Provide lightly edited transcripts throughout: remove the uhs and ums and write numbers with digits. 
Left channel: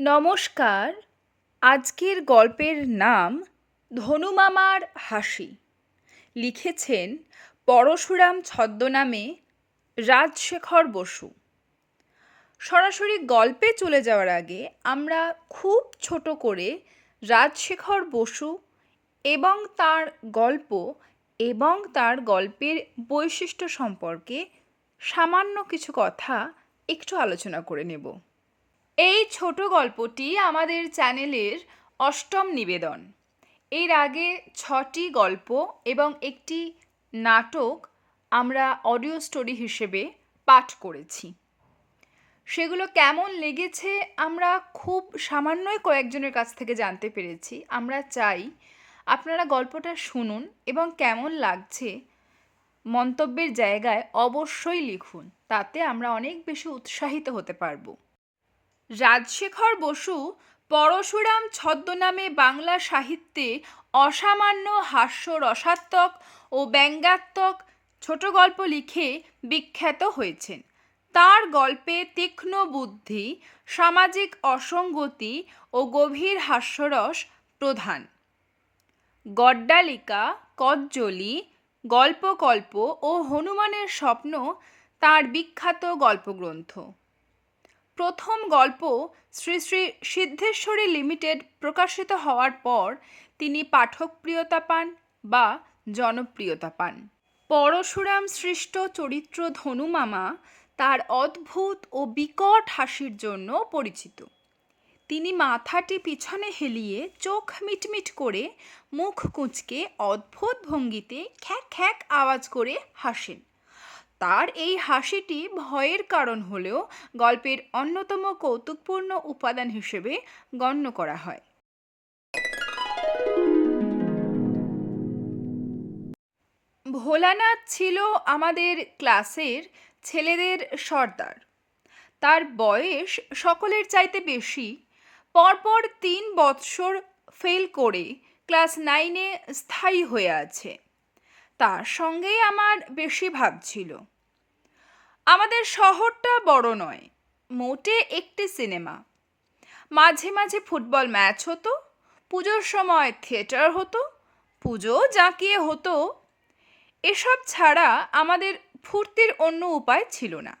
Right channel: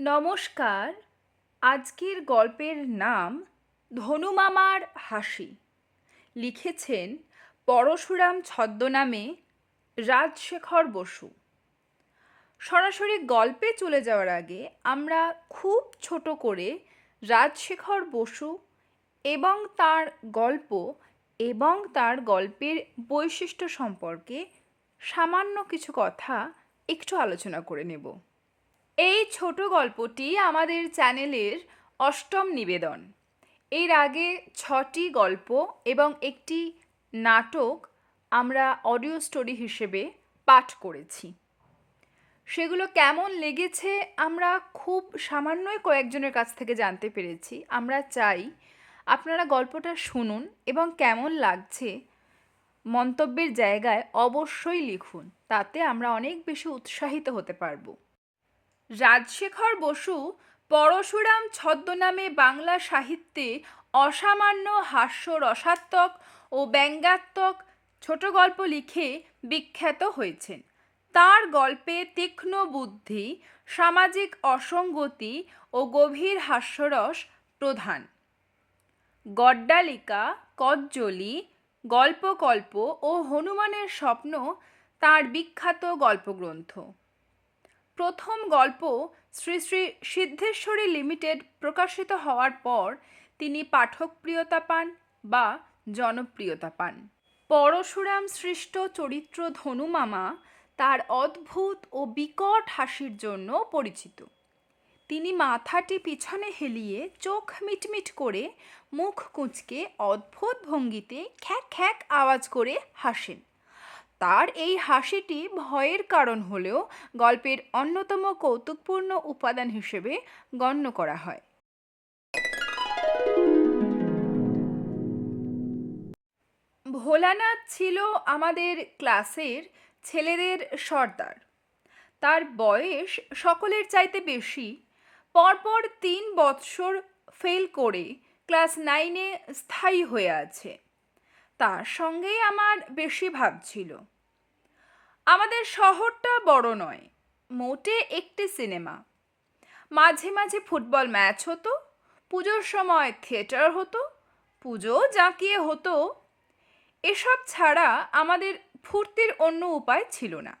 নমস্কার। আজকের গল্পের নাম ধনুমামার হাসি। লিখেছেন পরশুরাম ছদ্মনামে রাজশেখর বসু। সরাসরি গল্পে চলে যাওয়ার আগে আমরা খুব ছোট করে রাজশেখর বসু এবং তার গল্প এবং তার গল্পের বৈশিষ্ট্য সম্পর্কে সামান্য কিছু কথা একটু আলোচনা করে নেব। এই ছোট গল্পটি আমাদের চ্যানেলের অষ্টম নিবেদন। এর আগে 6টি গল্প এবং একটি নাটক আমরা অডিও স্টোরি হিসেবে পাঠ করেছি। সেগুলো কেমন লেগেছে আমরা খুব সামান্যই কয়েকজনের কাছ থেকে জানতে পেরেছি। আমরা চাই আপনারা গল্পটা শুনুন এবং কেমন লাগছে মন্তব্যের জায়গায় অবশ্যই লিখুন। তাতে আমরা অনেক বেশি উৎসাহিত হতে পারবো। রাজশেখর বসু পরশুরাম ছদ্মনামে বাংলা সাহিত্যে অসামান্য হাস্যরসাত্মক ও ব্যঙ্গাত্মক ছোট গল্প লিখে বিখ্যাত হয়েছেন। তার গল্পে তীক্ষ্ণ বুদ্ধি, সামাজিক অসঙ্গতি ও গভীর হাস্যরস প্রধান। গড্ডালিকা, কজ্জলি, গল্পকল্প ও হনুমানের স্বপ্ন তার বিখ্যাত গল্পগ্রন্থ। প্রথম গল্প শ্রী শ্রী সিদ্ধেশ্বরী লিমিটেড প্রকাশিত হওয়ার পর তিনি পাঠকপ্রিয়তা পান বা জনপ্রিয়তা পান। পরশুরাম সৃষ্ট চরিত্র ধনুমামা তার অদ্ভুত ও বিকট হাসির জন্য পরিচিত। তিনি মাথাটি পিছনে হেলিয়ে চোখ মিটমিট করে মুখ কুঁচকে অদ্ভুত ভঙ্গিতে খ্যাক খ্যাক আওয়াজ করে হাসেন। তার এই হাসিটি ভয়ের কারণ হলেও গল্পের অন্যতম কৌতুকপূর্ণ উপাদান হিসেবে গণ্য করা হয়। ভোলানাথ ছিল আমাদের ক্লাসের ছেলেদের সর্দার। তার বয়স সকলের চাইতে বেশি। পরপর 3 বৎসর ফেল করে ক্লাস 9-এ স্থায়ী হয়ে আছে। তার সঙ্গেই আমার বেশি ভাব ছিল। আমাদের শহরটা বড় নয়, মোটে একটি সিনেমা। মাঝে মাঝে ফুটবল ম্যাচ হতো, পুজোর সময় থিয়েটার হতো, পুজো জাঁকিয়ে হতো। এসব ছাড়া আমাদের ফুর্তির অন্য উপায় ছিল না।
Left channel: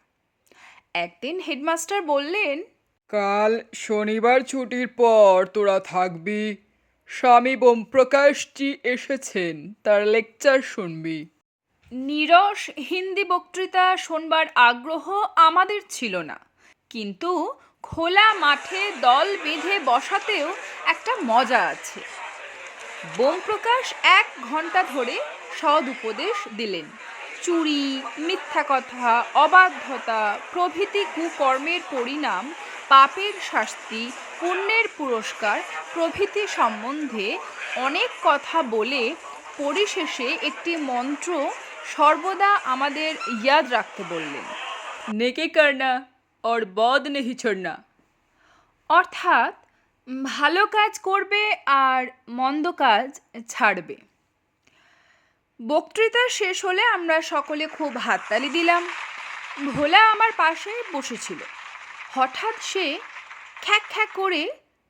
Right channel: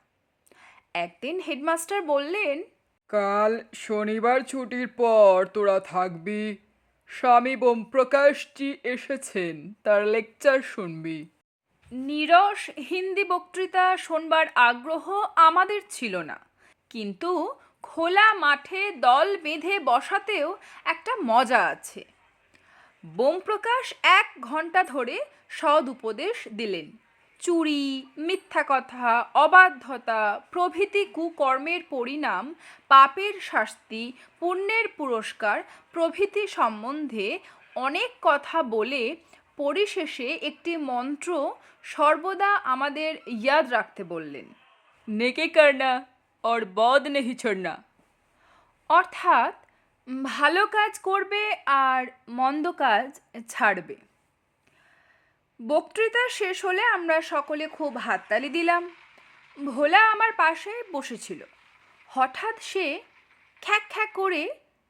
একদিন হেডমাস্টার বললেন, কাল শনিবার ছুটির পর তোরা থাকবি। স্বামী বোমপ্রকাশজি এসেছেন, তার লেকচার শুনবি। নীরস হিন্দি বক্তৃতা শোনবার আগ্রহ আমাদের ছিল না, কিন্তু খোলা মাঠে দল বেঁধে বসাতেও একটা মজা আছে। বোমপ্রকাশ 1 ঘন্টা ধরে সদ উপদেশ দিলেন। চুরি, মিথ্যা কথা, অবাধ্যতা প্রভৃতি কুকর্মের পরিণাম, পাপের শাস্তি, পুণ্যের পুরস্কার প্রভৃতি সম্বন্ধে অনেক কথা বলে পরিশেষে একটি মন্ত্র সর্বদা আমাদের ইয়াদ রাখতে বললেন। নেকি করনা और बौद नहीं छोड़ना। অর্থাৎ ভালো কাজ করবে আর মন্দ কাজ ছাড়বে। বক্তৃতা শেষ হলে আমরা সকলে খুব হাততালি দিলাম। ভোলা আমার পাশে বসেছিল। হঠাৎ সে খ্যাক খ্যাক করে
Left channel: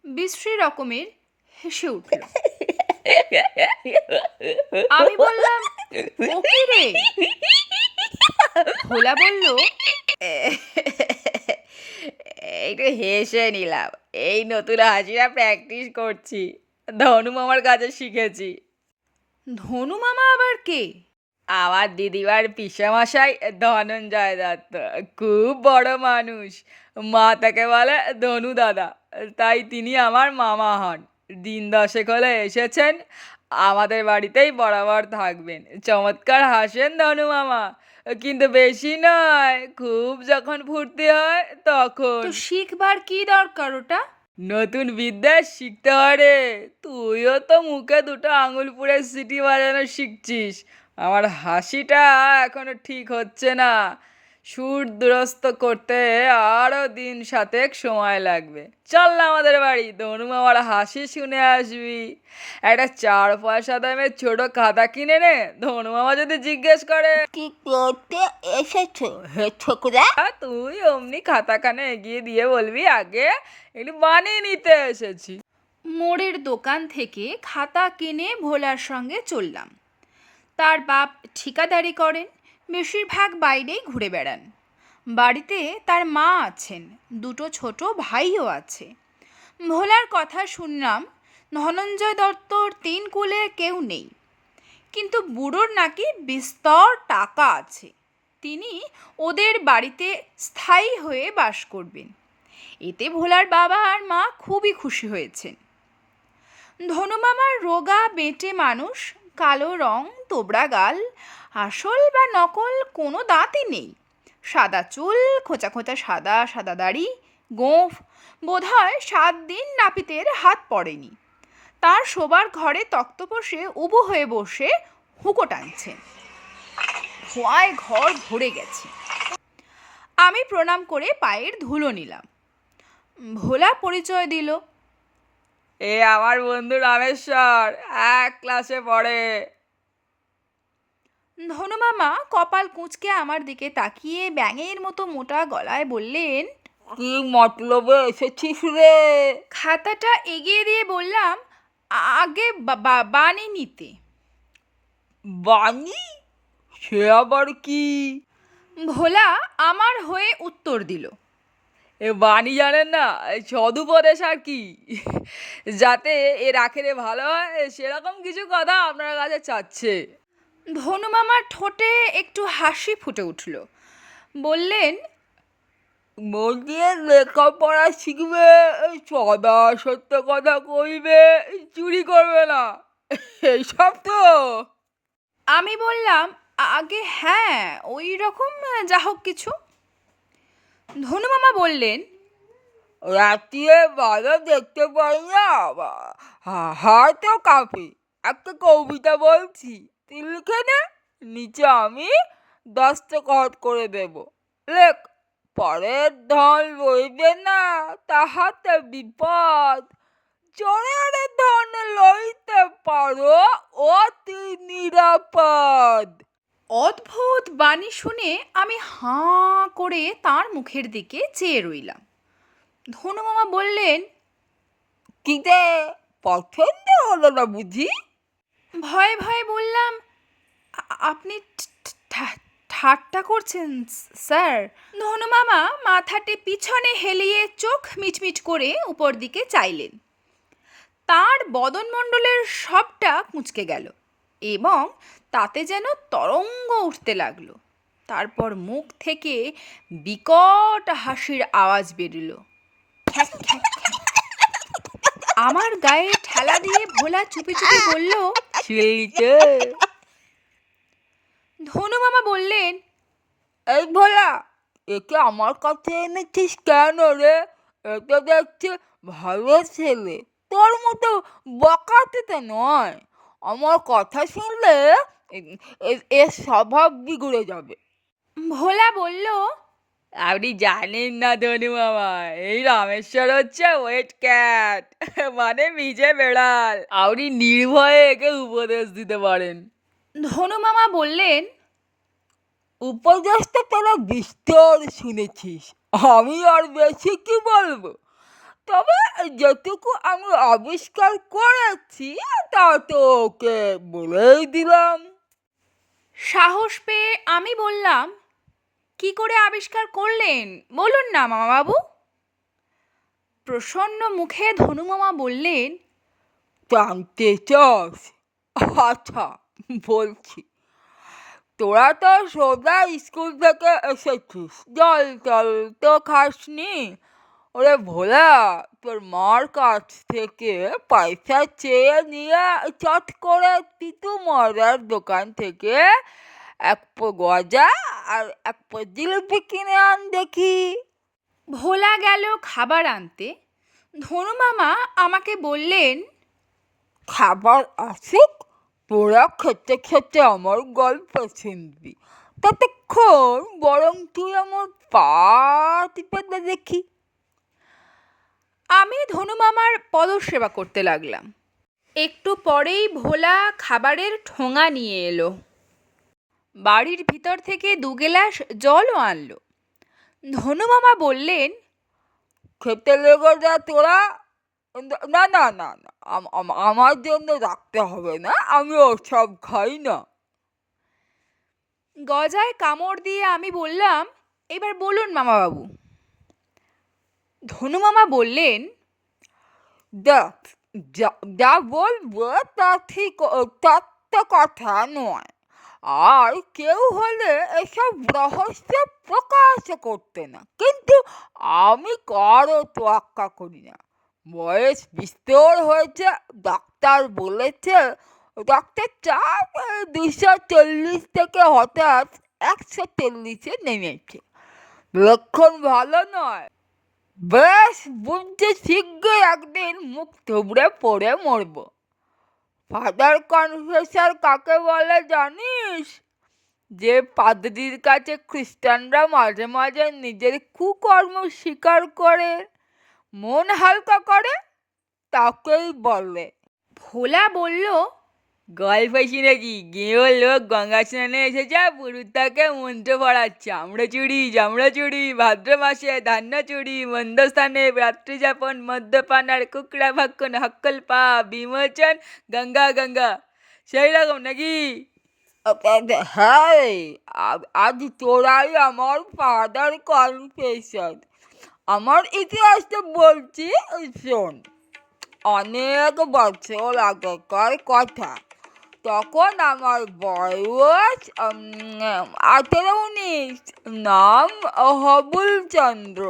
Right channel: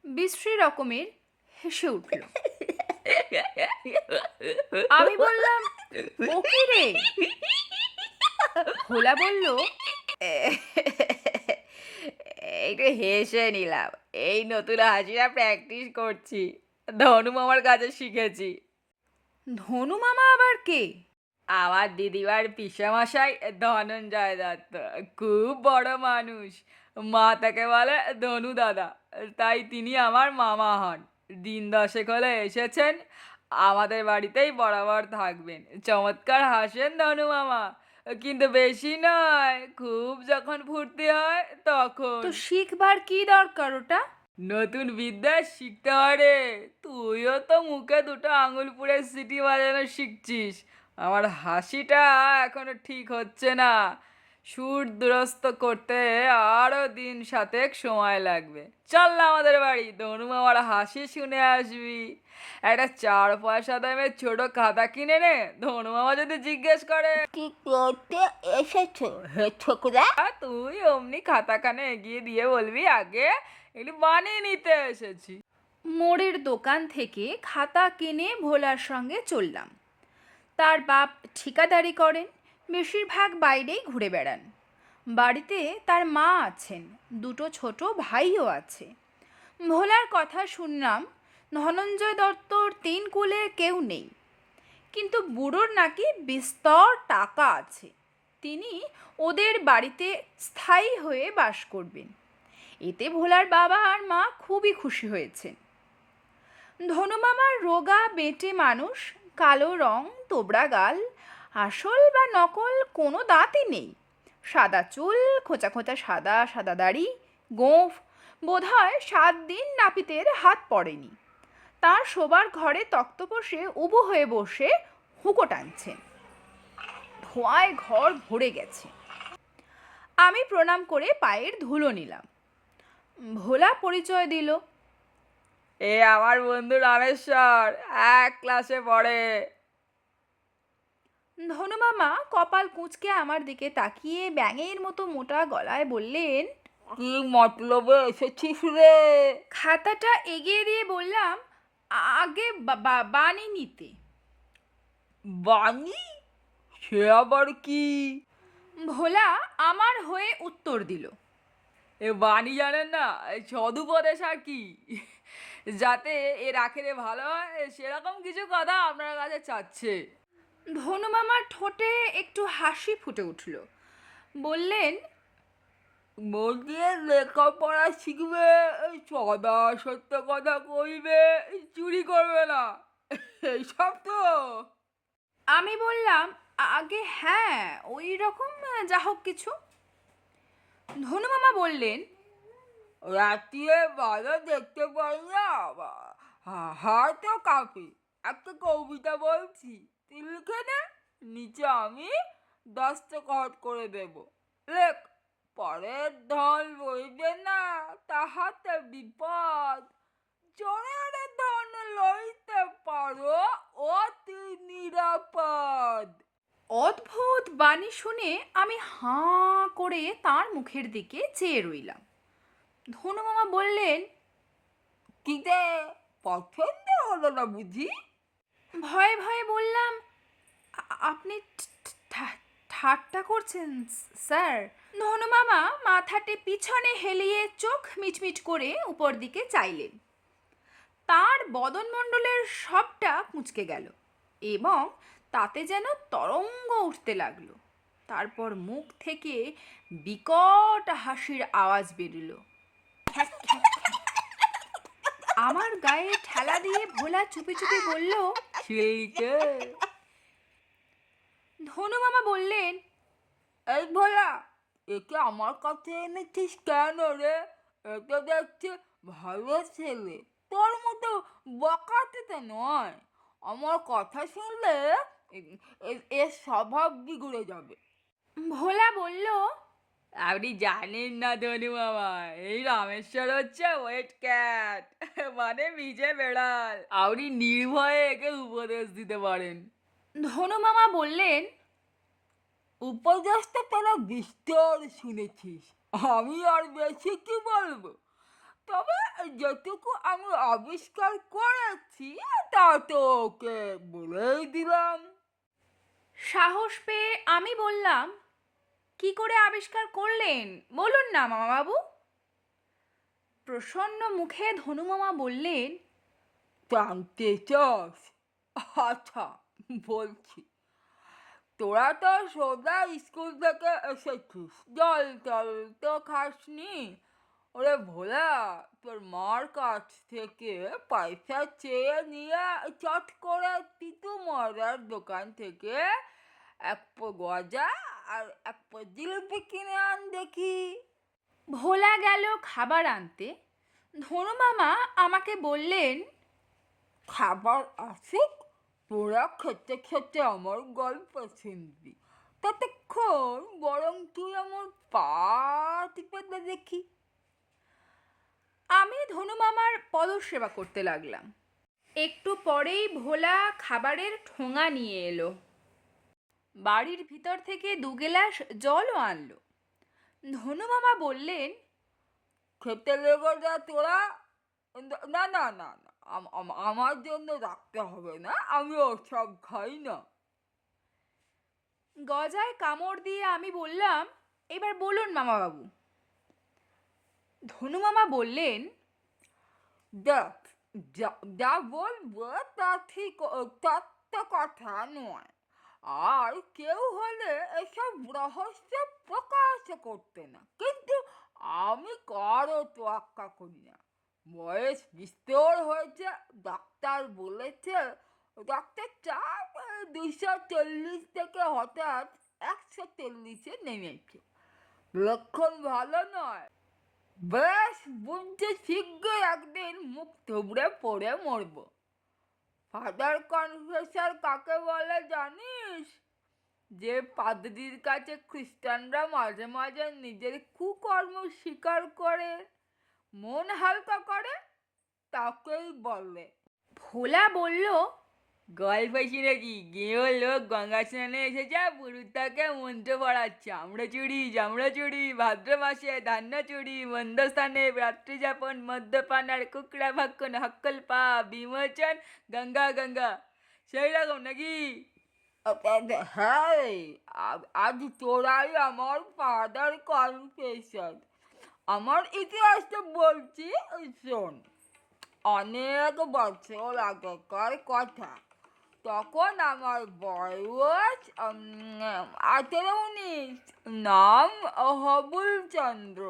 বিশ্রী রকমের হেসে উঠল। আমি বললাম, ও কি রে? ভোলা বলল, একটু হেসে নিলাম, এই নতুন হাসিটা প্র্যাকটিস করছি, ধনু মামার কাছে শিখেছি। ধনু মামা আবার কে? আমার দিদিমার পিসেমশাই ধনঞ্জয় দত্ত, খুব বড় মানুষ। মা তাকে বলে ধনু দাদা, তাই তিনি আমার মামা হন। দিন 10 হলে এসেছেন, আমাদের বাড়িতেই বরাবর থাকবেন। চমৎকার হাসেন ধনু মামা, কিন্তু বেশি নয়, খুব যখন ফুর্তি হয় তখন। তো শিখবার কি দরকার ওটা? নতুন বিদ্যা শিখতে হয় রে, তুইও তো মুখে 2টো আঙুল পুড়ে সিটি বাজানো শিখছিস। আমার হাসিটা এখনো ঠিক হচ্ছে না, সুর দুরস্ত করতে আরও দিন সাতেক সময় লাগবে। চল না আমাদের বাড়ি, ধনু মামার হাসি শুনে আসবি। একটা 4 পয়সা দামের ছোট খাতা কিনে নে, ধনু মামা যদি জিজ্ঞেস করে কি করতে এসেছো হে ছোকরা? তুই অমনি খাতাখানা এগিয়ে দিয়ে বলবি, আগে একটু বানিয়ে নিতে এসেছি। মোড়ের দোকান থেকে খাতা কিনে ভোলার সঙ্গে চললাম। তার বাপ ঠিকাদারি করেন, বেশিরভাগ বাইরেই ঘুরে বেড়ান। বাড়িতে তার মা আছেন, দুটো ছোট ভাইও আছে। ভোলার কথা শুনলাম ধনঞ্জয় দত্তর 3 কুলে কেউ নেই, কিন্তু বুড়োর নাকি বিস্তর টাকা আছে। তিনি ওদের বাড়িতে স্থায়ী হয়ে বাস করবেন। এতে ভোলার বাবা আর মা খুবই খুশি হয়েছেন। ধনুমামার রোগা বেঁটে মানুষ, কালো রং, তোবড়া গাল, আসল বা নকল কোনো দাঁতই নেই। সাদা চুল, খোঁচা খোঁচা সাদা সাদা দাড়ি, গোঁফ, বোধহয় 7 দিন নাপিতের হাত পড়েনি। তার শোবার ঘরে তক্তপোষে উবু হয়ে বসে হুঁকো টানছেন। ধোঁয়ায় ঘর ভরে গেছে। আমি প্রণাম করে পায়ের ধুলো নিলাম। ভোলা পরিচয় দিল। এ আমার বন্ধু রামেশ্বর, 1 ক্লাসে পড়ে। ধনুমামা কপাল কুঁচকে আমার দিকে তাকিয়ে ব্যাঙের মতো মোটা গলায় বললেন, কি মতলবে এসেছিস রে? খাতাটা এগিয়ে দিয়ে বললাম, আগে বানি নিতে। বানি? সে আবার কি? ভোলা আমার হয়ে উত্তর দিল, এ বাণী জানেন না, এই সদুপদেশ আর কি। যাতে এর আখেরে ভালো হয় সেরকম কিছু কথা আপনার কাছে চাচ্ছে। ধনুমামার ঠোঁটে একটু হাসি ফুটে উঠল। বললেন, মন দিয়ে লেখাপড়া শিখবে, সদা সত্য কথা কইবে, চুরি করবে না, এইসব তো। আমি বললাম, আগে হ্যাঁ ওই রকম যা হোক কিছু। ধনুমামা বললেন, রাত্রিরে ভালো দেখতে পাই না, হয়তো কাঁপে। একটা কবিতা বলছি, তুই লিখে নে, নিচে আমি দস্তখত করে দেব। লেখ, পরের ধন লইবে না, তাহাতে বিপদ। চোরের ধন লইতে পারো, অতি নিরাপদ। অদ্ভুত বাণী শুনে আমি হাঁ করে তার মুখের দিকে চেয়ে রইলাম। ধনুমামা বললেন, কিতে পছন্দ হলো না বুঝি? ভয়ে ভয়ে বললাম, আপনি ঠাট্টা করছেন স্যার। ধনুমামা মাথাটি পিছনে হেলিয়ে চোখ মিটমিট করে উপর দিকে চাইলেন। তার বদনমণ্ডলের সবটা কুঁচকে গেল এবং তাতে যেন তরঙ্গ উঠতে লাগলো। তারপর মুখ থেকে বিকট হাসির আওয়াজ বেরিল, খ্যাক খ্যাক খ্যাক। আমার গায়ে ঠেলা দিয়ে ভোলা চুপি চুপি বলল, ছেলেকে ধনুমামা বললেন, এই ভোলা, একে আমার কাছে এনেছিস কেন রে? এটা দেখছি ভালো ছেলে, তোর মতো বকাতে তো নয়। আমার কথা শুনলে এর স্বভাব বিগড়ে যাবে। ভোলা বলল, আপনি জানেন না ধনু মামা, এই রামেশ্বর হচ্ছে ওয়েট ক্যাট, মানে ভিজে বেড়াল। আপনি নির্ভয়ে একে উপদেশ দিতে পারেন। ধনুমামা বললেন, উপদেশটা তোরা বিস্তর শুনেছিস, আমি আর বেশি কি বলবো? তবে যেটুকু আমি আবিষ্কার করেছি তা তো ওকে বলেই দিলাম। সাহস পেয়ে আমি বললাম, কি করে আবিষ্কার করলেন বলুন না মামাবাবু। প্রসন্ন মুখে ধনুমামা বললেন, জানতে চাস? আচ্ছা, বলছি। তোরা তো সোজা স্কুল থেকে এসেছিস, জল টল তো খাসনি। ওরে ভোলা, তোর মার কাছ থেকে পয়সা চেয়ে নিয়ে চট করে তিতু মরার দোকান থেকে 1 গজা আর 1 জিলিপি কিনে আন দেখি। ভোলা গেল খাবার আনতে। ধনুমামা আমাকে বললেন, খাবার আসুক, তোরা খেতে খেতে আমার গল্প শুনবি। ততক্ষণ বরং তুই আমার পা টিপে দে দেখি। আমি ধনুমামার পদসেবা করতে লাগলাম। একটু পরেই ভোলা খাবারের ঠোঙা নিয়ে এলো। বাড়ির ভিতর থেকে 2 গেলাস জলও আনলো। ধনুমামা বললেন, খেতে লেগে যা তোরা। না না না না, আমার জন্য রাখতে হবে না, আমি ওসব খাই না। গজায় কামড় দিয়ে আমি বললাম, এবার বলুন মামাবাবু। ধনুমামা বললেন, দেখ, যা যা বলবো তা ঠিক, তার তো কথা নয়। আর কেউ হলে এসব রহস্য প্রকাশ করতে না, কিন্তু আমি কারো তোয়াক্কা করি না। বয়স বিস্তর হয়েছে, ডাক্তার বলেছে রক্তের চাপ 240 থেকে হঠাৎ 140-এ নেমেছে। লক্ষণ ভালো নয়। বেশ বুঝছি শীঘ্রই একদিন মুখ থুবড়ে পড়ে মরব। ফাদার কনফেসর কাকে বলে জানিস? যে পাদ্রীর কাছে খ্রিস্টানরা মাঝে মাঝে নিজের কুকর্ম স্বীকার করে মন হালকা করে, তাকেই বলে। ভোলা বলল, গল্প শুনেছি, গেঁয়ো লোক গঙ্গা স্নানে এসেছে, পুরুতাকে মন্ত্র পড়াচ্ছে, জামড়া চুড়ি, ভাদ্র মাসে ধান্য চুড়ি, মন্দস্থানে রাত্রি যাপন, মদ্যপান আর কুকড়া ভক্ষণ, হক্কল পা বিমোচন, গঙ্গা গঙ্গা। সেই রকম নাকি? হ্যাঁ রে, আজ তোরাই আমার ফাদার কনফেসর। আমার ইতিহাসটা বলছি, শোন। অনেক বছর আগেকার কথা। তখন আমার বয়স 18-19, নাম হবুল চন্দ্র।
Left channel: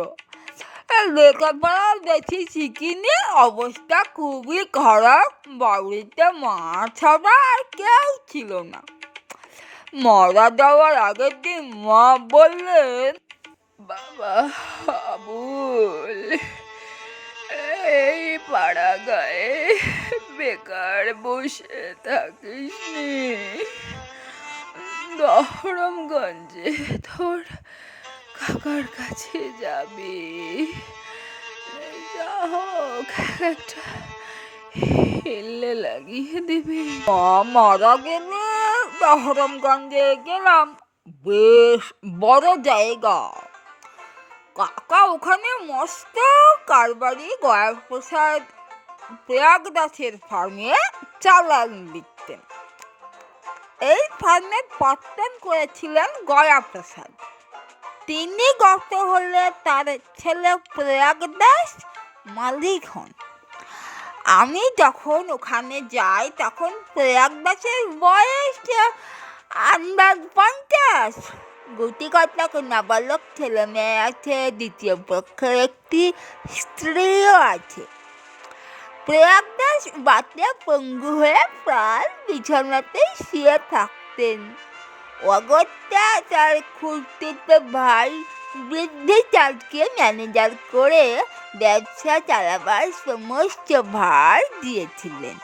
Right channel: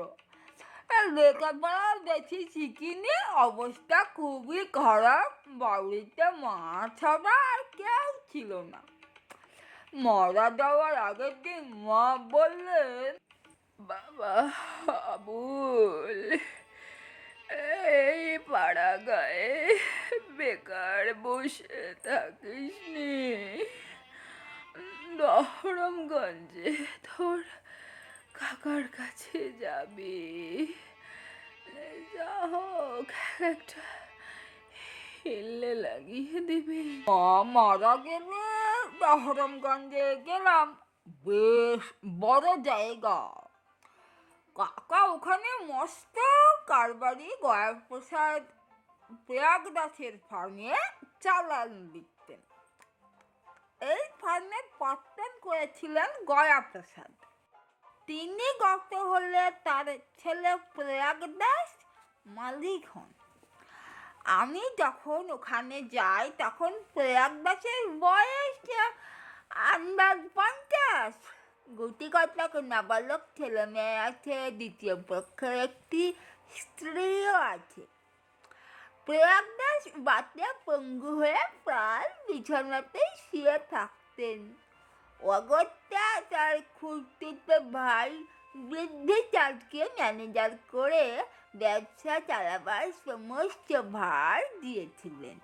লেখাপড়া বেশি শিখিনি, অবস্থা খুবই খারাপ। বাড়িতে মা ছাড়া আর কেউ ছিল না। মারা যাওয়ার আগের দিন মা বললেন, বাবা আবুল, এই পাড়া গায়ে বেকার বসে থাকিস নি, দহরমগঞ্জে তোর কাকার কাছে যাবি, যা হোক একটা হেললে লাগিয়ে দিবি। মা মারা গেলে দহরমগঞ্জে গেলাম। বেশ বড় জায়গা। কাকা ওখানে মস্ত কারবারি গয়াপ্রসাদ প্রয়াগদাসের ফার্মে চালান দিতেন। এই ফার্মে পার্টনার করেছিলেন গয়াপ্রসাদ। তিনি গত হলে তার ছেলে প্রয়াগদাস মালিক হন। আমি যখন ওখানে যাই তখন প্রয়াগদাসের বয়স আন্দাজ 50। গুটি কতক নাবালক ছেলে মেয়ে আছে, দ্বিতীয় পক্ষের একটি স্ত্রীও আছে। প্রয়াগদাস বাতে পঙ্গু হয়ে প্রায় বিছানাতেই শুয়ে থাকতেন। অগত্যা তার খুঁড়তুতো ভাই বৃদ্ধিচাঁদকে ম্যানেজার করে ব্যবসা চালাবার সমস্ত ভার দিয়েছিলেন।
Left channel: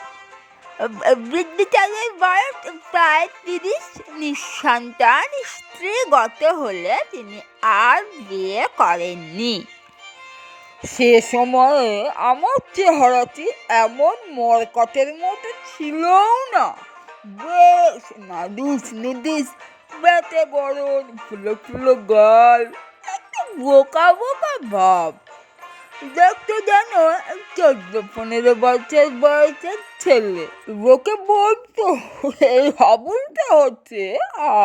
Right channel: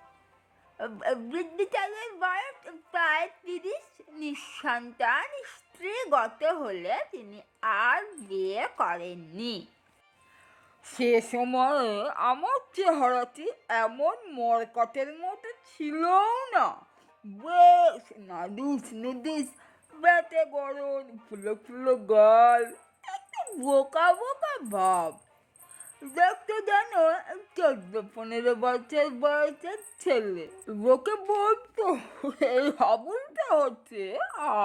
বৃদ্ধিচাঁদের বয়স প্রায় 30, নিঃসন্তান। স্ত্রী গত হলে তিনি আর বিয়ে করেননি। সে সময়ে আমার চেহারাটি এমন মরকটের মতো ছিলও না। বেশ নুদুস বেটে গরম, ফুলো ফুলো গাল, একটু বোকা বোকা ভাব। দেখতে যেন 14-15 বছর বয়সের ছেলে। লোকে বলতো এই হাবুলটা হচ্ছে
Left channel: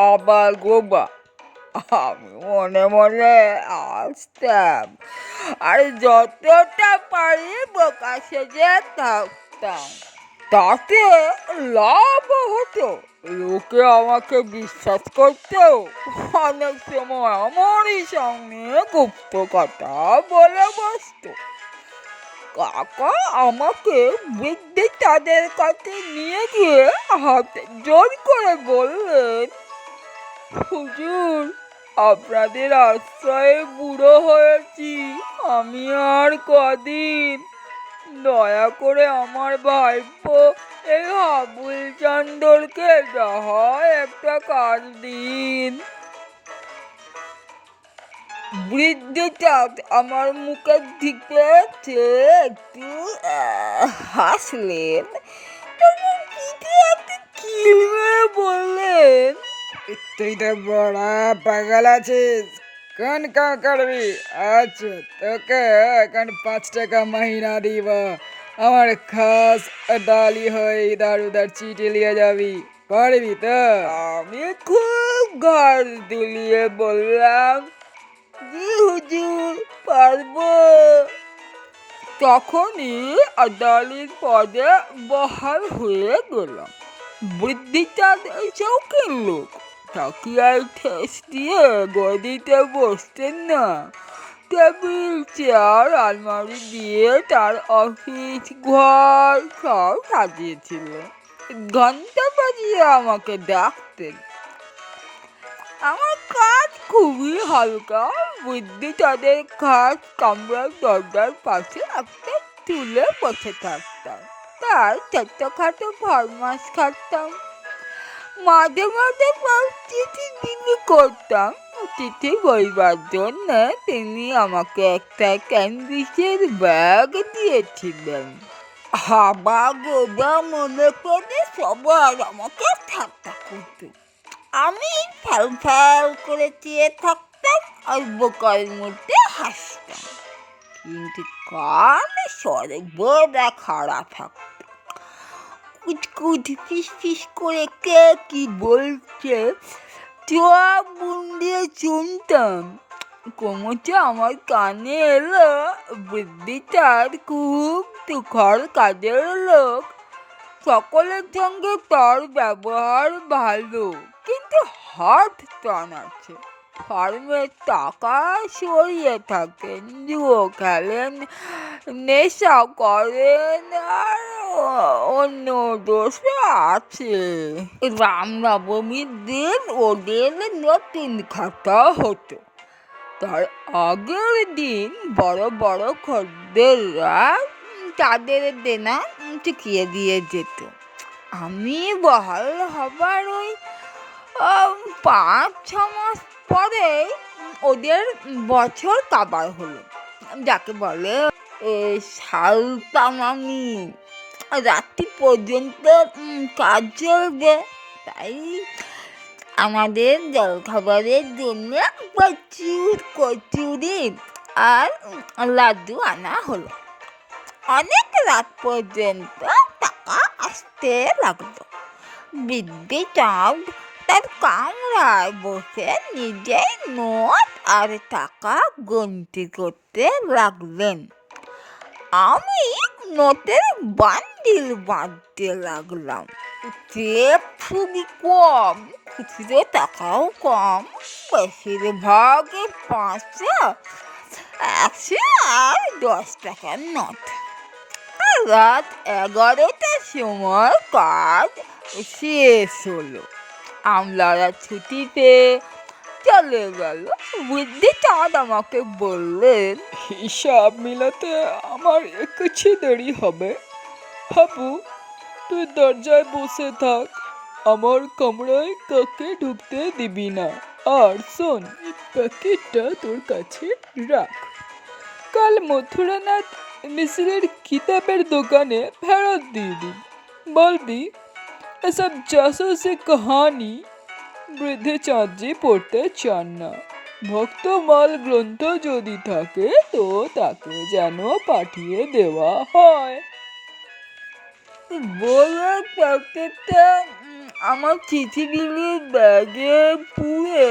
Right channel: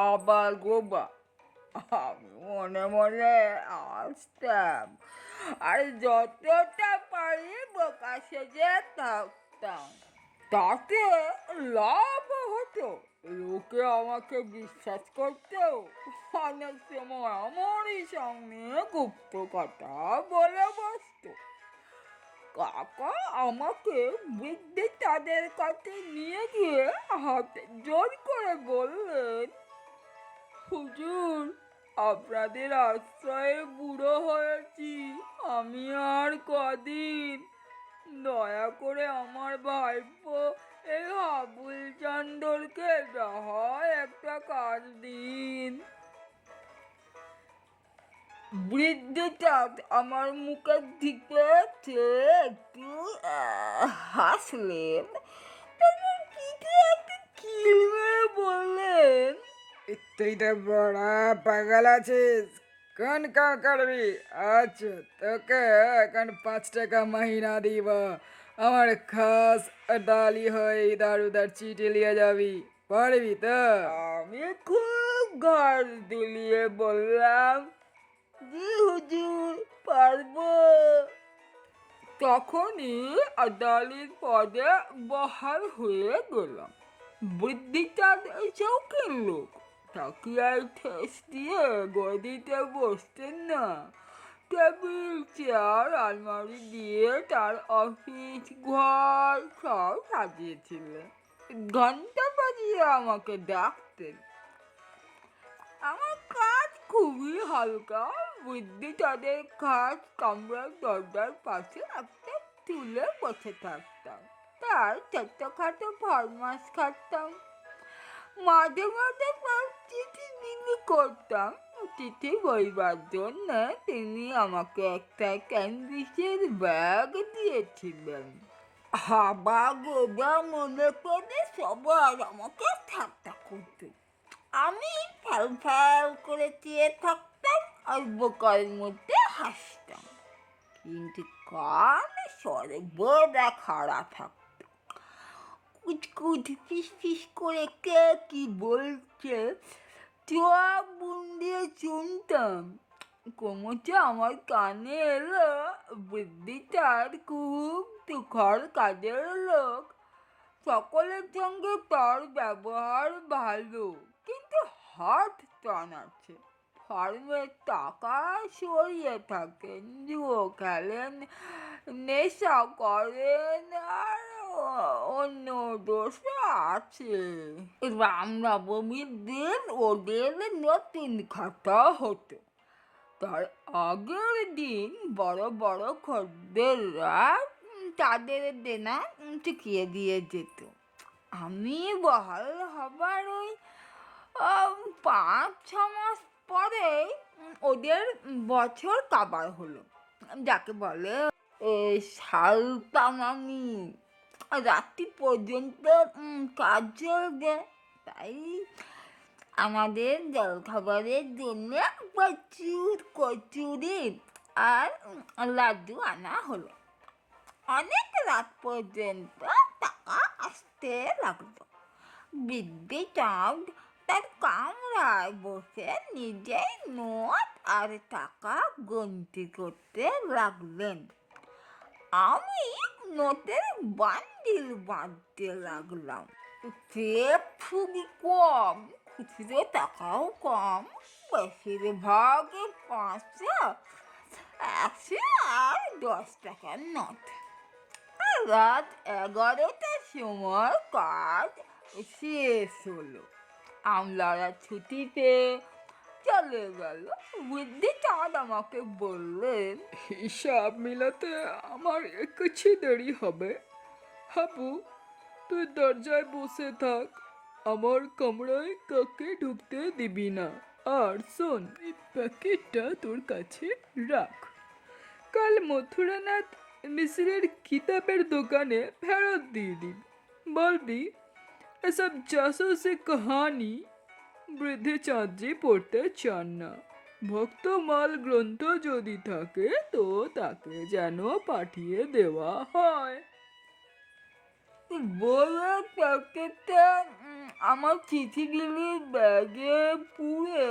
আবার গোবা। আমি মনে মনে আসতাম আর যতটা পারি বোকা সেজে থাকতাম। তাতে লাভ হতো, লোকে আমাকে বিশ্বাস করতো। অনেক সময় আমারই সামনে গুপ্ত কথা বলে বসতো। কাকা আমাকে বৃদ্ধি তাদের কাছে নিয়ে গিয়ে হাতে জোর করে বললেন, হুজুর, আপনাদের আশ্রয়ে বুড়ো হয়েছি, আমি আর কদিন, দয়া করে আমার ভাইপো এই হাবুল চন্দরকে যা হয় একটা কাজ দিন। বৃদ্ধটা আমার মুখের দিকে চেয়ে একটু হাসলেন, তখন পিঠে একটু কিল মেরে বললেন, তুই তো বড় পাগল আছিস, কোন কাম করবি? আচ্ছা, তোকে এখন 5 টাকা মাহিনা দিব, আমার খাস ডালি হয়ে ইধার উধার চিঠি লিয়ে যাবি, পারবি তো? আমি খুব ঘর দুলিয়ে বললাম, জি হুজুর, পারবো। তখনই আদালির পদে বহাল হয়ে গেলাম। বুদ্ধিটা শৌখিন লোক, তাকে আর ঠেস দিয়ে গদিতে বসতেন না। টেবিল চেয়ার আলমারি দিয়ে তার অফিস ঘর সব সাজিয়েছিল। ঘন্টা বাজিয়ে আমাকে ডাকতেন। আমার কাজ খুবই হালকা। বুদ্ধি তাদের খাট কামরার দরজার পাশে একটা তুলে বসে থাকতাম, তার ছোট্টখাটো ফরমাস খাটতাম। মাঝে মাঝে চিঠি বিলি করতাম। চিঠি বইবার জন্য তিনি আমাকে একটা ক্যানভিসের ব্যাগ দিয়েছিলেন। হাবা গোবা মনে করে সবাই আমাকে ঠাট্টা করত। আমি ফ্যাল ফ্যাল করে চেয়ে থাকতাম আর বোকার মধ্যে হাসতাম, কিন্তু কান সর্বদা খাড়া থাকত। কুচকুচ ফিস ফিস করে কে কি বলছে চোখ বুন দিয়ে শুনতাম। ক্রমশ আমার কানে এলো বুদ্ধিটার খুব তুখর কাজের লোক, সকলের সঙ্গে তার ব্যবহার ভালো, কিন্তু হাত টান আছে। ফার্মের টাকা সরিয়ে থাকেন, জুয়ো খেলেন, নেশা করেন, আর অন্য দোষ আছে। রামনবমীর দিন ওদের নতুন খাতা হতো। তার আগের দিন বড় বড় খদ্দেররা তাদের দেনা চুকিয়ে দিয়ে যেত। আমি বহাল হবার ওই 5-6 মাস পরে ওদের বছর কাবার হলো, যাকে বলে সালতামামি। রাত্রি পর্যন্ত কাজ চলবে, তাই আমাদের জলখাবারের জন্য প্রচুর কচুরি আর লাড্ডু আনা হলো। অনেক রাত পর্যন্ত টাকা আসতে লাগলো। বৃদ্ধি চাঁদ তার কামরায় বসে নিজেই নোট আর টাকা গণতি করতে লাগলেন। আমি নোটের বান্ডিল বাঁধতে লাগলাম। চেপ খুবই কম, খুচরো টাকাও কম, বেশিরভাগই 500, 100 আর 10 টাকার নোট। রাত 11টার সময় কাজ শেষ হলো। আমলারা ছুটিতে চলে গেল। বুদ্ধি চাঁদ আমাকে বললেন, হিসাব মিলাতে আমার কিছু দেরি হবে। হাবু, তুই দরজায় বসে থাক, আমার কামরায় কাকে ঢুকতে দিবি না। আর শোন, এই প্যাকেটটা তোর কাছে রাখ, কাল মথুরানাথ মিশ্রের কিতাবের দোকানে ফেরত দিয়ে দিবি। বলবি এসব জাসুসি কাহানি বৃদ্ধি চাঁদজি পড়তে চান না। ভক্তমাল গ্রন্থ যদি থাকে তো তাকে যেন পাঠিয়ে দেওয়া হয়। বলে প্যাকেটটা আমার চিঠিগুলির ব্যাগে পুরে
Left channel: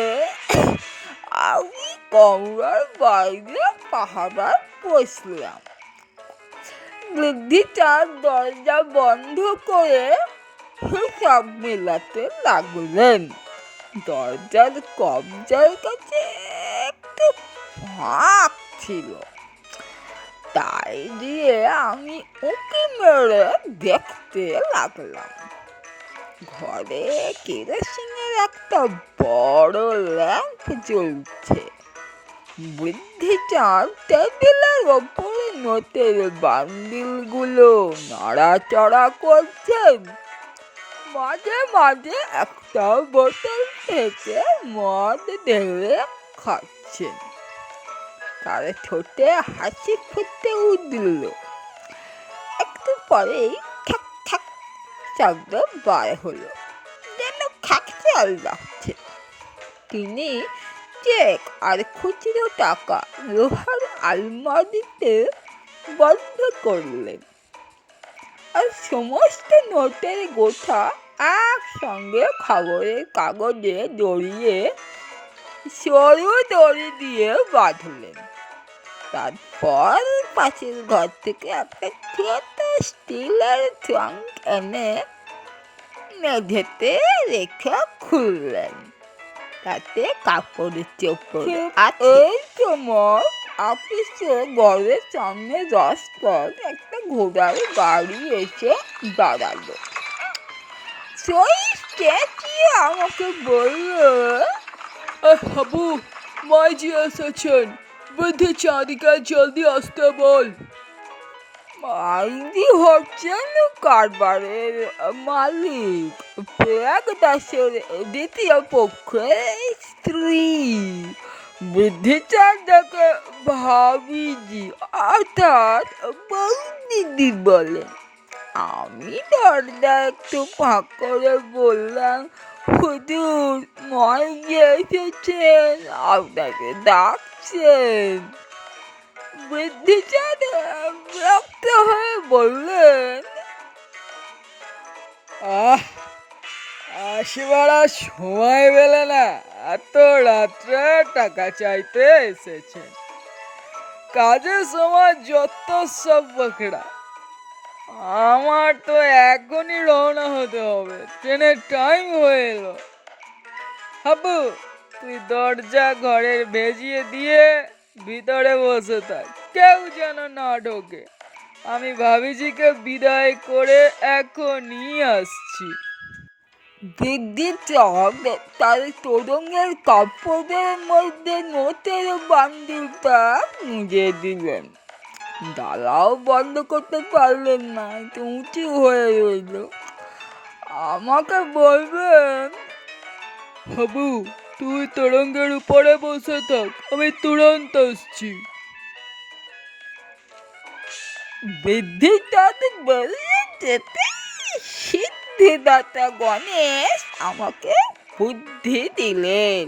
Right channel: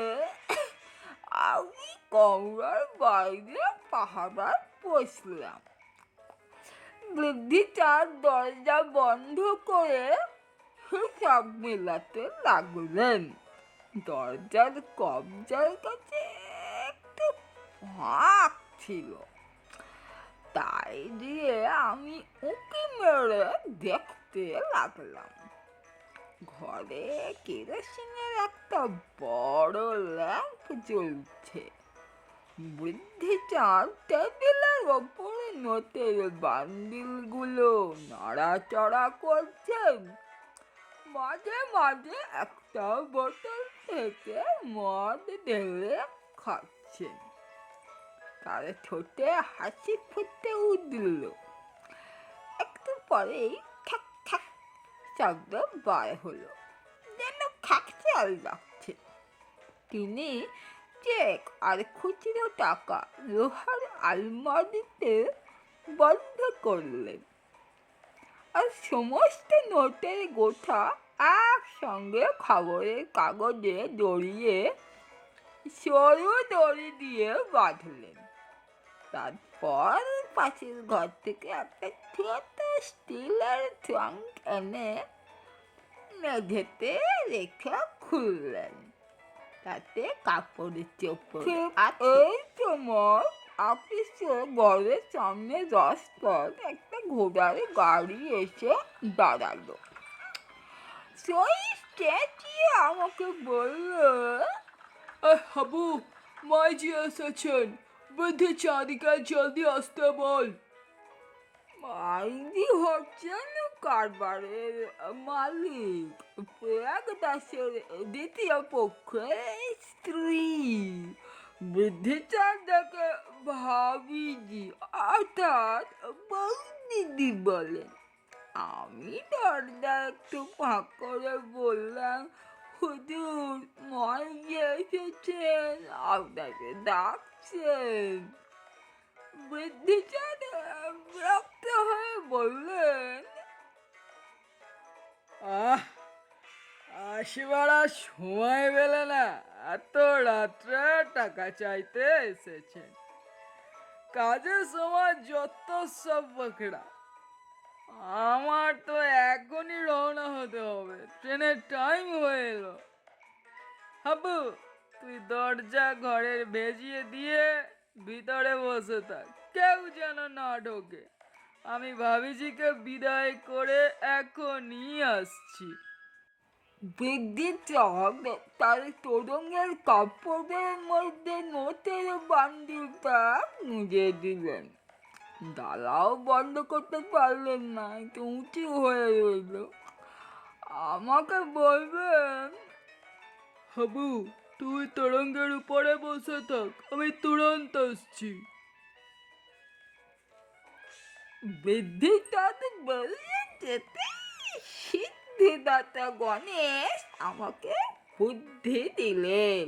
আমি কামরার বাইরে পাহারায় বসলাম। বৃদ্ধিটার দরজা বন্ধ করে হিসাব মেলাতে লাগলেন। দরজার কবজার কাছে একটু ফাঁক ছিল, তাই দিয়ে আমি উঁকি মেরে দেখতে লাগলাম। ঘরে কেরোসিনের একটা বড় ল্যাম্প জ্বলছে। বুদ্ধিচাঁদ টেবিলের ওপরে নোটের বান্ডিলগুলো নাড়াচাড়া করছেন। মাঝে মাঝে একটা বোতল থেকে মদ ঢেলে খাচ্ছেন। তার ঠোঁটে হাসি ফুটে উঠল। একটু পরেই খ্যাক খ্যাক শব্দ বার হলো, যেন খ্যাকশাল লাগছে। তিনি চেক আর খুচরো টাকা লোহার আলমারিতে বন্ধ করলেন, আর সমস্ত নোটের গোছা একসঙ্গে খবরের কাগজে জড়িয়ে সরু দড়ি দিয়ে বাঁধলেন। তারপর পাশের ঘর থেকে একটা ছোট স্টিলের ট্রাঙ্ক এনে মেঝেতে রেখে খুললেন। তাতে কাপড়ের চোপড় আছে। এই সময় অফিসে ঘরের সামনে রাস্তায় একটা ঘোড়ার গাড়ি এসে দাঁড়ালো। সেই চেঁচিয়ে আমাকে বললো, হাবু, মাইজি এসেছেন, বৃদ্ধি চাঁদিকে জলদি আসতে বল। মাইজি হচ্ছেন কারবারের মালিক, প্রয়াগ দাসের দ্বিতীয় পক্ষের স্ত্রী। বুদ্ধিচাঁদকে ভাবিজি অর্থাৎ বৌদিদি বলে। আমি দরজা একটু ফাঁক করে বললাম, হুজুর, মাইজি এসেছেন, আপনাকে ডাকছেন। বুদ্ধিচাঁদ বিরক্ত হয়ে বললেন, আহ, আসবার আর সময় পেলে না, এত রাত্রে টাকা চাইতে এসেছেন। কাজের সময় যত সব বকরা। আমার তো এখনই রওনা হতে হবে, ট্রেনের টাইম হয়ে এলো। হাবু, তুই দরজা ঘরের ভেজিয়ে দিয়ে ভিতরে বসে থাক, কেউ যেন না ঢোকে। আমি ভাবিজিকে বিদায় করে এখনই আসছি। বুদ্ধিচাঁদ তার তোরঙ্গের কাপড়ের মধ্যে নোটের বান্ডিলটা মুজে দিলেন। ডালাও বন্ধ করতে পারলেন না, একটু উঁচু হয়ে রইল। আমাকে বলবেন, হাবু, তুই তোরঙ্গের উপরে বসে থাক, আমি তুরন্ত আসছি। বুদ্ধিচাঁদ বললেন যেতে সিদ্ধিদাতা গণেশ আমাকে বুদ্ধি দিলেন।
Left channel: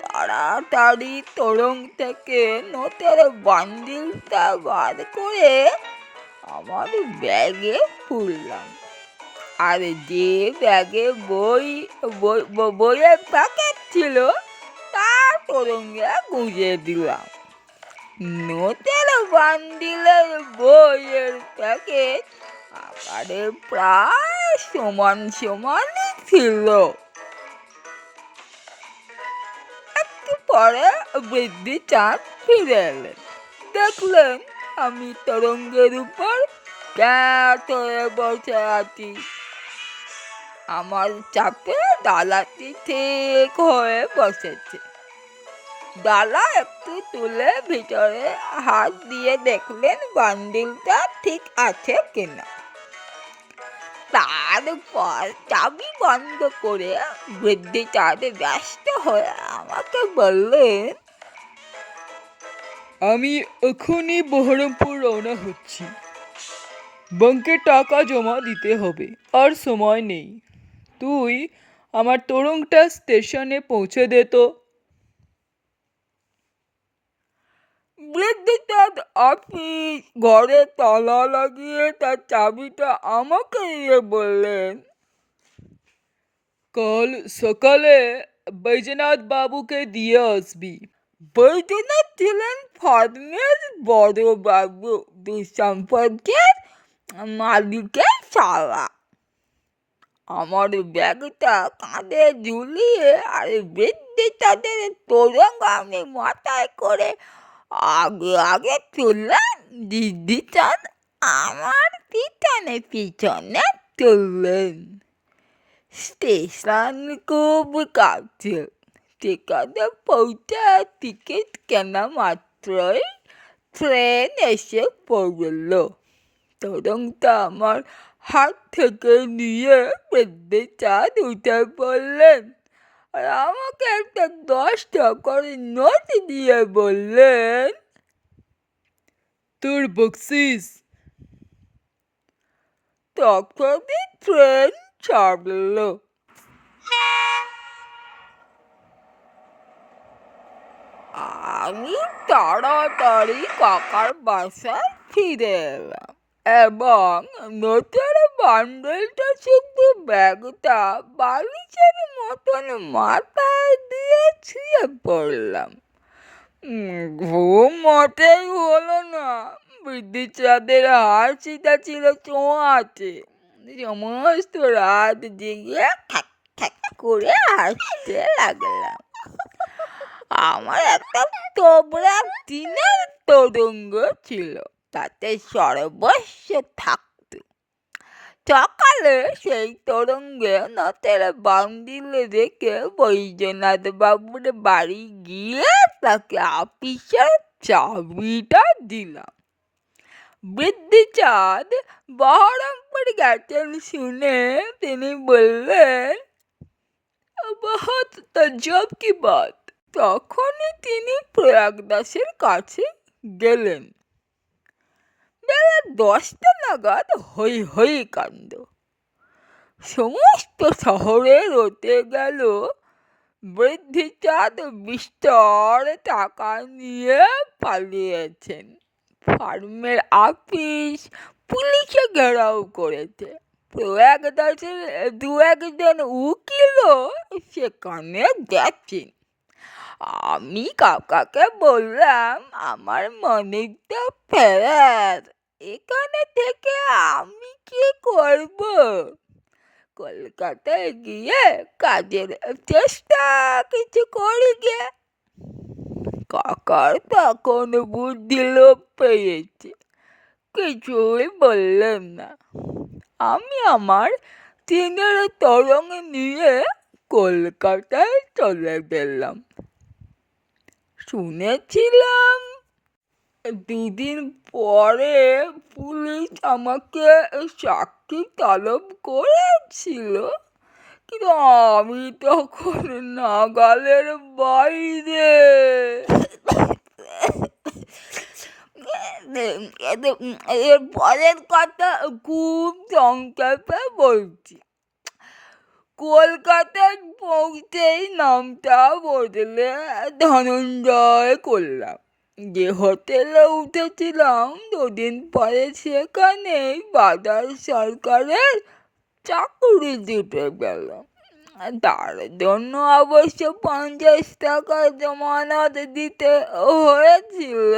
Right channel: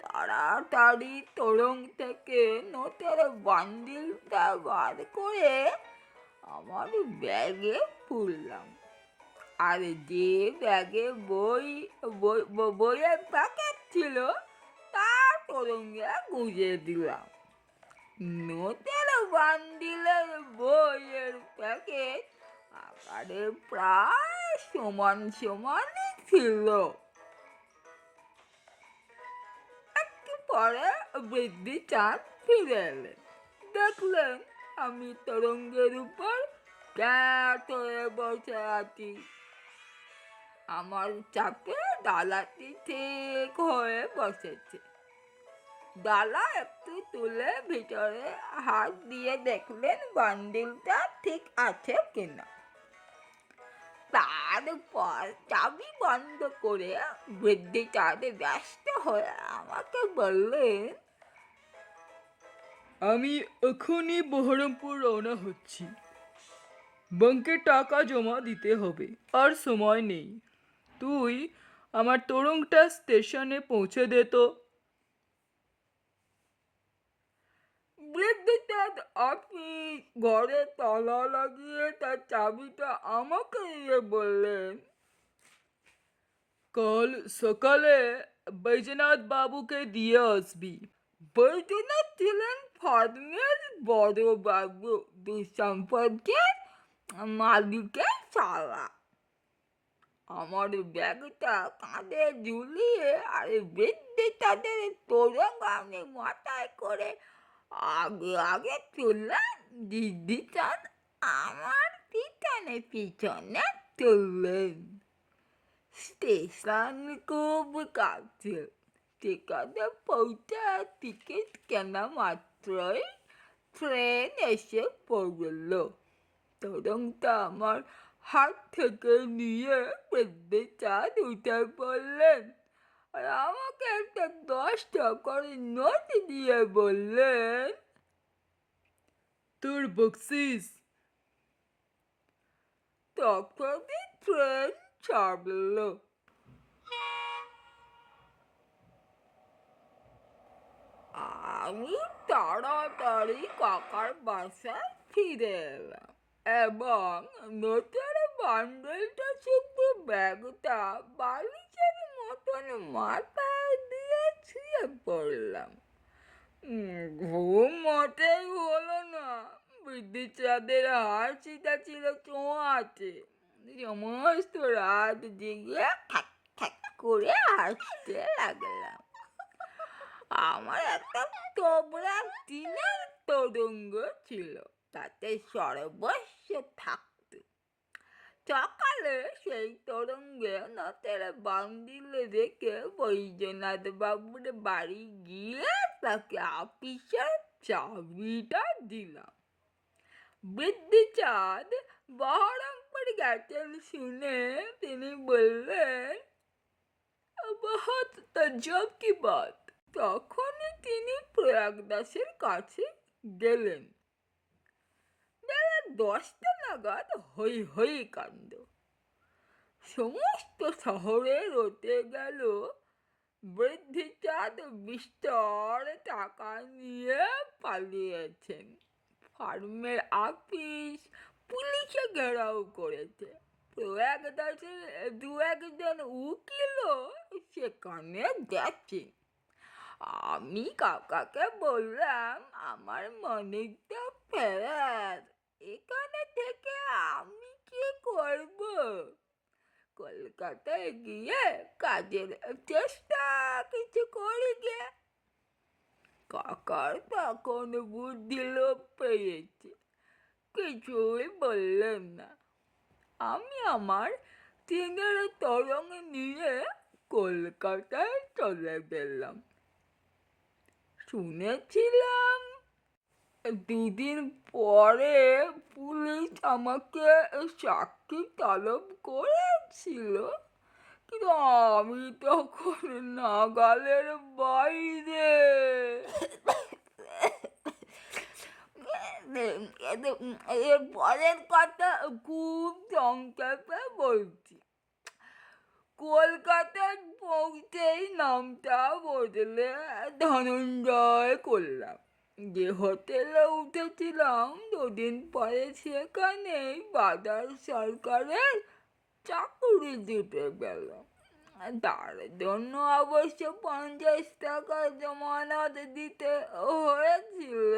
তাড়াতাড়ি তোরং থেকে নোটের বান্ডিলটা বার করে আমার ব্যাগে পুরলাম, আর যে ব্যাগে বইয়ের প্যাকেট ছিল তা তোরঙ্গে গুঁজে দিলাম। নোটের বান্ডিলের বইয়ের প্যাকেট আকারে প্রায় সমান সমানই ছিল। একটু পরে বুদ্ধিচাঁদ ফিরে এলেন, দেখলেন আমি তরঙ্গের উপর ক্যাট হয়ে বসে আছি। আমার চাপে ডালাটি ঠিক হয়ে বসেছে। ডালা একটু তুলে ভিতরে হাত দিয়ে দেখলেন বান্ডিলটা ঠিক আছে কিনা। তারপর চাবি বন্ধ করে বুদ্ধিচাঁদ ব্যস্ত হয়ে আমাকে বললেন, আমি এখনই বহরমপুর রওনা হচ্ছি। ব্যাংকে টাকা জমা দিতে হবে, আর সময় নেই। তুই আমার তোরংটা স্টেশনে পৌঁছে দে তো। বুদ্ধিচাঁদ অফিস ঘরে তালা লাগিয়ে তার চাবিটা আমাকে দিয়ে বললেন, কাল সকালে বৈজনাথ বাবুকে দিয়ে আসবি। বৈদ্যনাথ ছিলেন ফার্মের বড় বাবু, দুঃসম্পর্কের মালিকের ছাড়া। আমার ব্যাগটা কাঁধে ঝুলিয়ে আর বৃদ্ধি তাদের তোরঙ্গ আমি মাথায় করে আগে আগে তুললাম। দিদিচাঁদ আমার পিছনে পিছনে তুললেন। স্টেশন খুব কাছে। সেখানে পৌঁছে টিকিট কেনা মাত্রই ট্রেন এসে পড়ল। তরঙ্গটা আমার হাত থেকে নিয়ে বুদ্ধিচাঁদ উঠে পড়লেন, আর আমাকে একটা 10 টাকার নোট দিয়ে বললেন, তোর বকশিস। তখনই ট্রেন ছাড়লো। আমি তাড়াতাড়ি কাকার বাসায় ফিরে এলাম এবং নোটের বান্ডেলটা শুধু ব্যাগটা বালিশের মতন মাথায় দিয়ে শুয়ে পড়লাম। ঘুম মোটেই হলো না। বৃদ্ধিচাঁদের হাসিটা ছিল ছোঁয়াচে। সমস্ত রাত জেগে ঠ্যাক ঠ্যাক করে হাসতে লাগলাম। আমার একটা তোবড়া টিনের তরঙ্গ ছিল, তাতে সর্বস্ব থাকতো। সকালে সেই তরঙ্গে নটের বান্ডিলে রেখে বৈদ্যনাথ বাবুর বাড়ি গিয়ে তাকে আপিসের চাবিটা দিলাম। বৃদ্ধিচাঁদ বহরমপুর গেছেন শুনে তিনি বললেন, बहुत तज्जब की बात। তখনই তিনি প্রয়াগদাসের কাছে গেলেন। বেলা 10টা নাগাদ হই হই কাণ্ড। সমস্ত শহরে রটে গেল বৃদ্ধিচাঁদ বিস্তর টাকা নিয়ে পালিয়েছেন। ফার্মের আপিস পুলিশে ঘেরাও করেছে। প্রয়াগদাসের দু একজন উকিলও সেখানে গেছেন। আমি কাকাকে বললাম, আমার মনিকটা ফেরার, এখানে থেকে আমি কি করব? কলকাতায় গিয়ে কাজের চেষ্টা কিছু করি গে। কাকার তখন বুদ্ধি লোপ পেয়েছে, কিছুই বললেন না। আমি আমার টিনের তরঙ্গ নিয়ে কলকাতায় চলে গেলাম। শুনেছিলাম 2 দিন পরে পুলিশ আমাকে সাক্ষী তলব করেছিল, কিন্তু আমি তখন নাগালের বাইরে। এর পরের কথা খুব সংক্ষেপে বলছি। কলকাতায় পৌঁছেই নামটা বদলে ধনঞ্জয় করলাম। যে হোটেলে উঠেছিলাম 2 দিন পরে সেখানেই বাজার সরকারের চাকরি জুটে গেল। তার জন্য অবশ্য 50 টাকা জমানত দিতে হয়েছিল।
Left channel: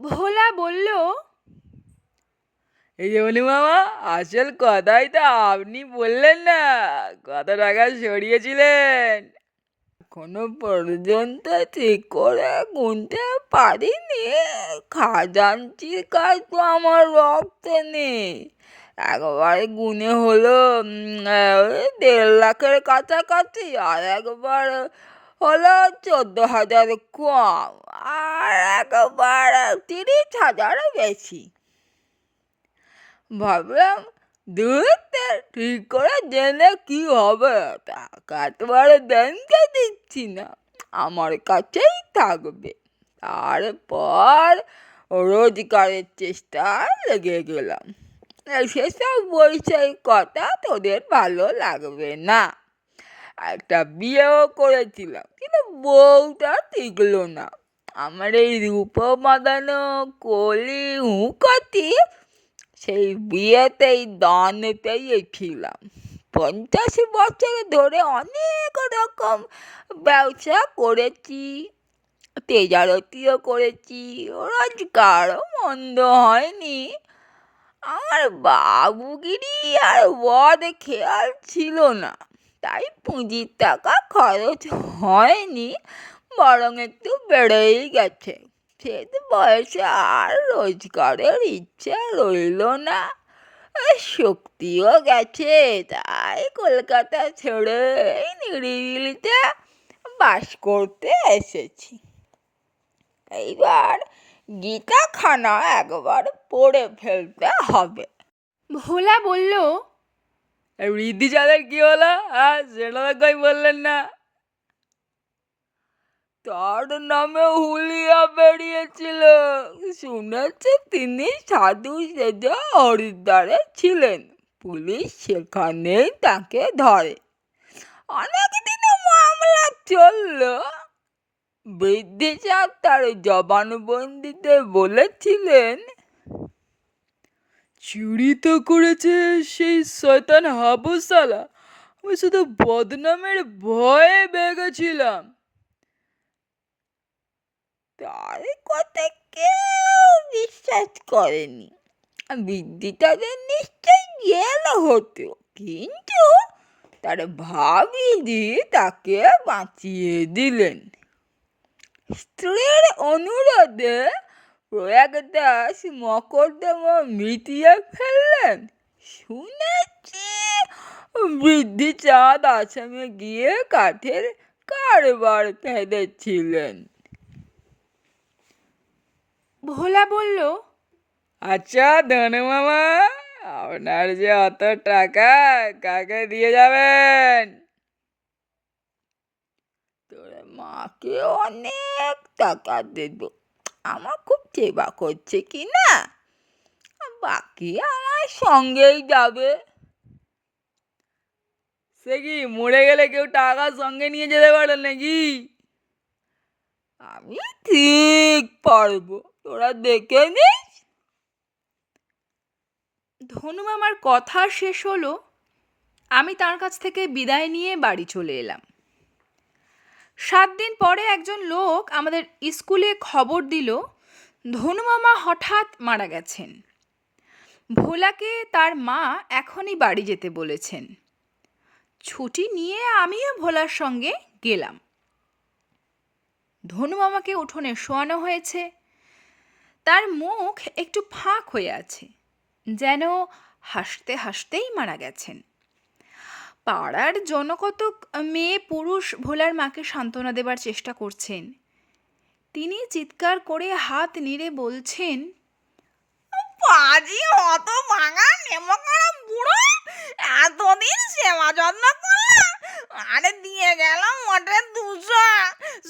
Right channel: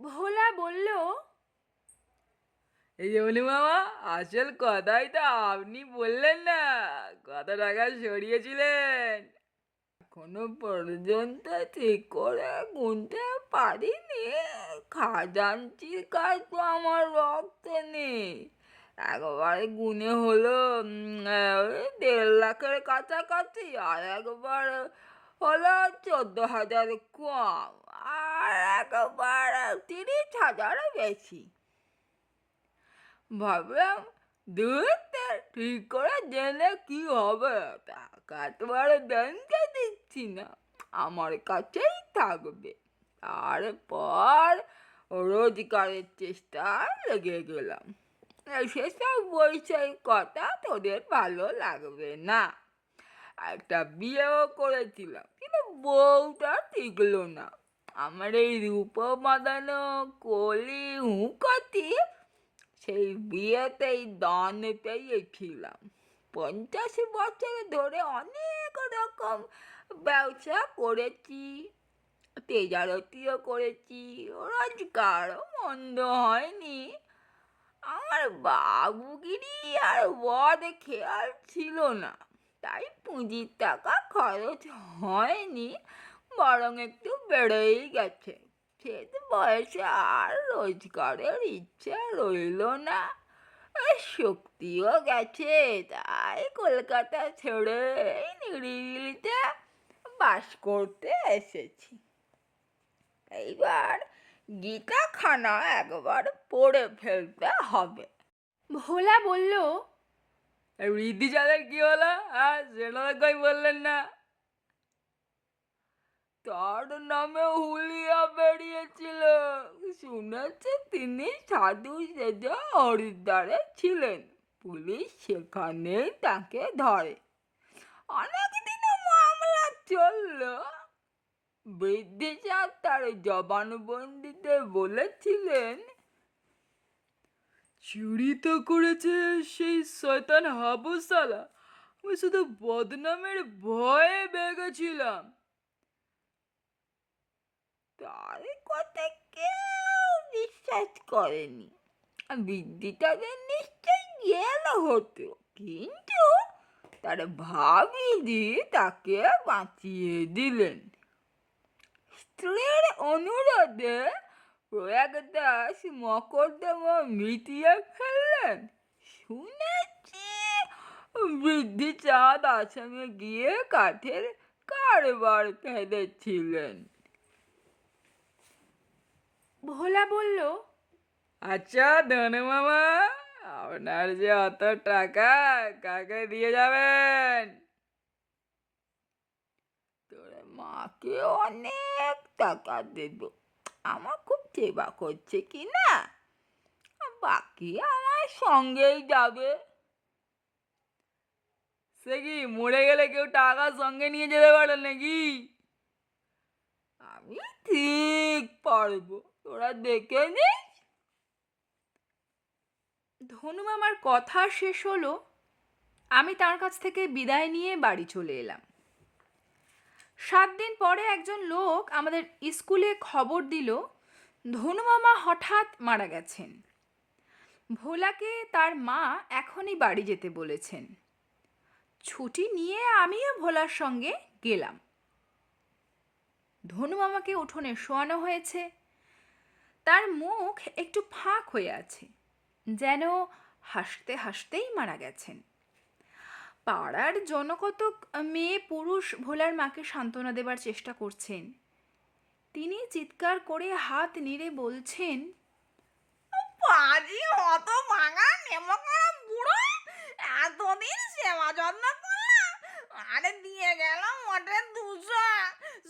ভোলা বলল, এই যে বলি মামা, আসল কথাই তো আপনি বললেন না, কত টাকা সরিয়েছিলেন? এখনো পর্যন্ত ঠিক করে গুনতে পারিনি। খাজাঞ্চির কাজ তো আমার রক্তে নেই। একবার গুনে হলো 1.5 লাখের কাছাকাছি, আর একবার হলো 14,000 কম, আর একবার 30,000 বেশি। ভাবলাম, ঠিক করে জেনে কি হবে, টাকা তো আর ব্যাংকে দিচ্ছি না, আমার কাছেই থাকবে। তারপর রোজগারের চেষ্টায় লেগে গেলাম। সেসব বৈষয়িক কথা তোদের ভালো লাগবে না। একটা বিয়েও করেছিলাম, কিন্তু বউটা টিকলো না। আমার এই রূপ বাঁধানো কলি হুঁকতি সেই বিয়েতেই দানেতেই ছিলাম। 50 বছর ধরে অনেক রকম ব্যবসা করেছি, তেজারতিও করেছি, রোজগারও মন্দ হয়নি। আমার বাবুগিরি আর বদ খেয়াল ছিল না, তাই পুঁজির টাকা খরচ হয়নি, বরং একটু বেড়েই গেছে। সে বয়সে আর রোজগারের ইচ্ছে রইল না, শক্তিও গেছে, তাই কলকাতা ছেড়ে এই নিরিবিলিতে বাস করতে এসেছি। এইবার গীতাখানা একবার পড়ে ফেলতে হবে। ভোলা বলল, বৃদ্ধিচাঁদের কি হলো? হ্যাঁ, সেটা তো কই বললেন না। তার নামে হুলিয়া বেরিয়েছিল। শুনেছি তিনি সাধু সেজে হরিদ্বারে ছিলেন। পুলিশ সেখানেই তাকে ধরে। অনেকদিন মামলা চললো। বৃদ্ধি সাহেব তার জবানবন্দিতে বলেছিলেন, চুরি তো করেছে সেই শয়তান হাবু সালা, আমি শুধু বদনামের ভয়ে বেগেছিলাম। তার কথা কেউ বিশ্বাস করেনি। বৃদ্ধিটাকে নিশ্চয় জেল হতো, কিন্তু তার ভাবিজি তাকে বাঁচিয়ে দিলেন। স্ত্রীর অনুরোধে প্রয়াগ দাস মকদ্দমা মিটিয়ে ফেললেন। শুনেছি বৃদ্ধি চাঁদ আসামে গিয়ে কাঠের কারবার পেঁধেছিলেন। ভোলা বলল, আচ্ছা ধনু মামা, আপনার যে অত টাকা কাকে দিয়ে যাবেন? তোর মাকে অনেক টাকা দেব, আমার খুব সেবা করছে কি না। বাকি আমার সঙ্গেই যাবে। সে কি মরে গেলে কেউ টাকা সঙ্গে নিয়ে যেতে পারে নাকি? আমি ঠিক পারবো, তোরা দেখে নিস। ধনু মামার কথা শেষ হলো। আমি তার কাছ থেকে বিদায় নিয়ে বাড়ি চলে এলাম। 7 দিন পরে একজন লোক আমাদের স্কুলে খবর দিল ধনু মামা হঠাৎ মারা গেছেন। ভোলাকে তার মা এখনই বাড়ি যেতে বলেছেন। ছুটি নিয়ে আমিও ভোলার সঙ্গে গেলাম। ধনু মামাকে উঠোনে শোয়ানো হয়েছে। তার মুখ একটু ফাঁক হয়ে আছে, যেন হাসতে হাসতেই মারা গেছেন। পাড়ার জনকতক মেয়ে পুরুষ ভোলার মাকে সান্ত্বনা দেবার চেষ্টা করছেন। তিনি চিৎকার করে হাত নেড়ে বলছেন, পাজি অত ভাঙা নেমকড়া বুড়ো, এতদিন সেবা যত্ন করলাম, আরে দিয়ে গেলাম মোটে 200।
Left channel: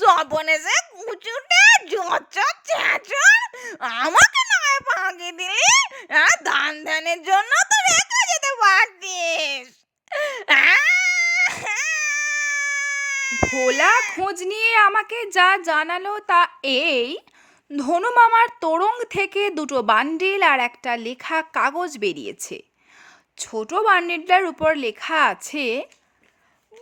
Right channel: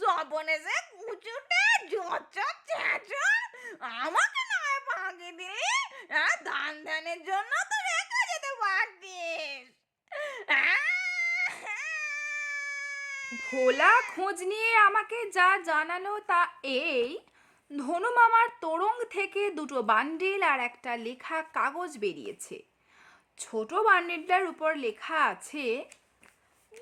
স্বপনে সে কুচুটে জচর চেঁচর, আমাকে নয় ফাঁকি দিলি। দান ধ্যানের জন্য তো রেখে যেতে পারতিস। ভোলা খোঁজ নিয়ে আমাকে যা জানালো তা এই, ধনু মামার তোরং থেকে 2টো বান্ডিল আর একটা লেখা কাগজ বেরিয়েছে। ছোট বান্ডিলটার উপর লেখা আছে,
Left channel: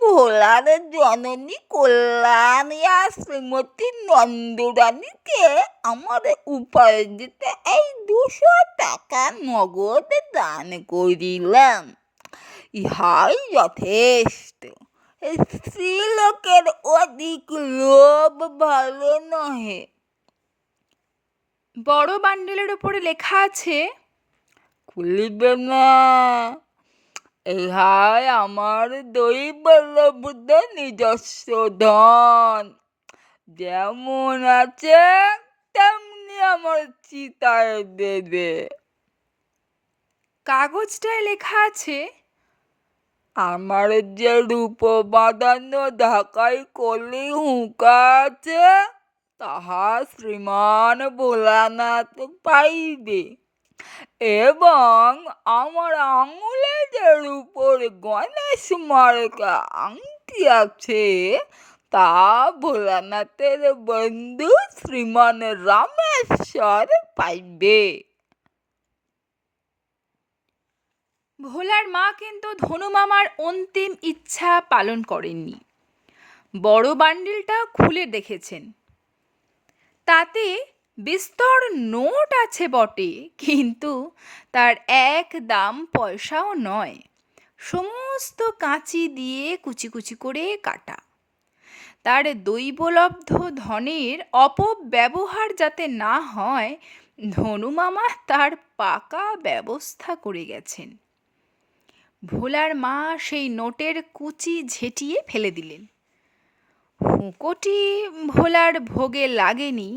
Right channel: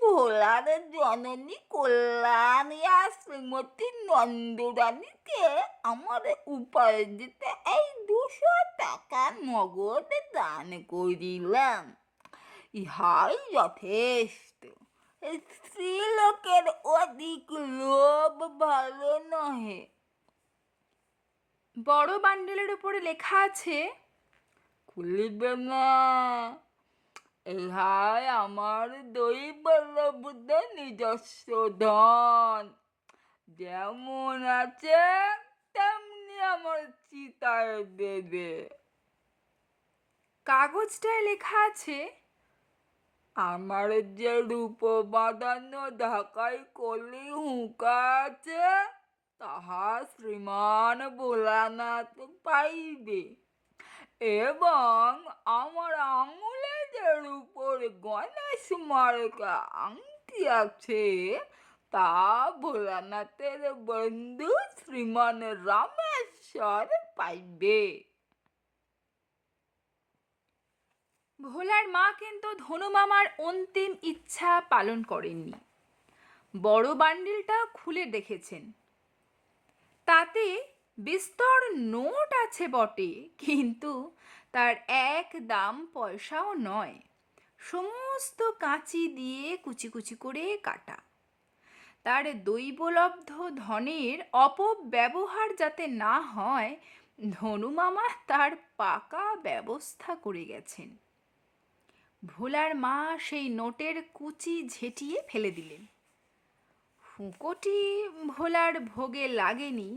ভোলার জননী কল্যাণিয়া শ্রীমতী নন্দরানীকে আমার উপার্জিত এই 200 টাকা নগদ দান করিলাম। ইহাই যথেষ্ট। স্ত্রীলোকের অধিক লোভ ভালো নহে। বড় বান্ডিলের উপরে লেখা আছে, খুলিবে না, ইহাই আমার দৈবলব্ধ নিজস্ব ধন। যেমন আছে তেমনি আমার চিতায় দেবে। কাগজটায় লেখা আছে, আমার যে রূপ বাঁধানো ঢাকাই কলি হুঁকা আছে, তাহা শ্রীমান ভোলানাথ পাইবে, এবং আমার আঙুলে যে রূপর গণেশ মার্কা আংটি আছে, তা ভোলানাথের বন্ধু শ্রীমান রামেশ্বর পাইবে। ভোলার মা কিন্তু ধনু মামার অন্তিম ইচ্ছা পালন করেননি। বড় বান্ডিলটা খুলে দেখেছেন। তাতে বিস্তর নোট আছে বটে, কিন্তু তার এক দাম পয়সাও নয়। সমস্ত কাঁচি দিয়ে কুচি কুচি করে কাটা। তার দৈবলব্ধ ধনের অপব্যবহার যাতে না হয়, ধনু মামা তার পাকা ব্যবস্থা করে গেছেন। ভোলার মা সেই নোটের কুচি ঝেঁটিয়ে ফেলে দিলেন। হুঁকোটি ভোলার ভোগে লাগেনি।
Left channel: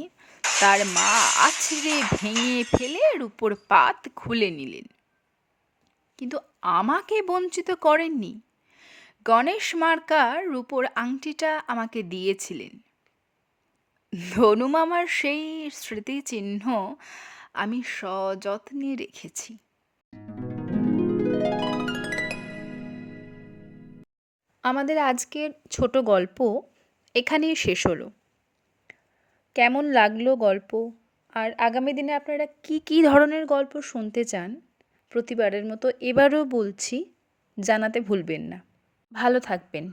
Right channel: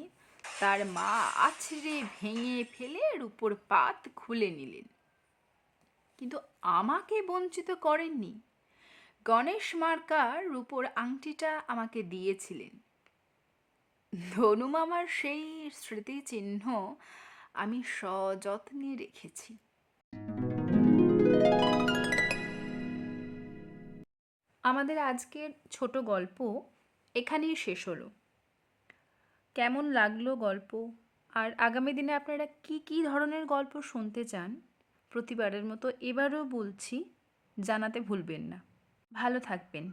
তার মা আছড়ে ভেঙে ফেলে রূপোর পাত খুলে নিলেন, কিন্তু আমাকে বঞ্চিত করেননি। গণেশ মার্কার রূপোর আংটিটা আমাকে দিয়েছিলেন। ধনু মামার সেই স্মৃতিচিহ্ন আমি সযত্নে রেখেছি। আমাদের আজকের ছোট গল্প এখানেই শেষ হলো। কেমন লাগলো গল্প, আর আগামী দিনে আপনারা কি কি ধরনের গল্প শুনতে চান, প্রতিবারের মতো এবারও বলছি, জানাতে ভুলবেন না। ভালো থাকবেন।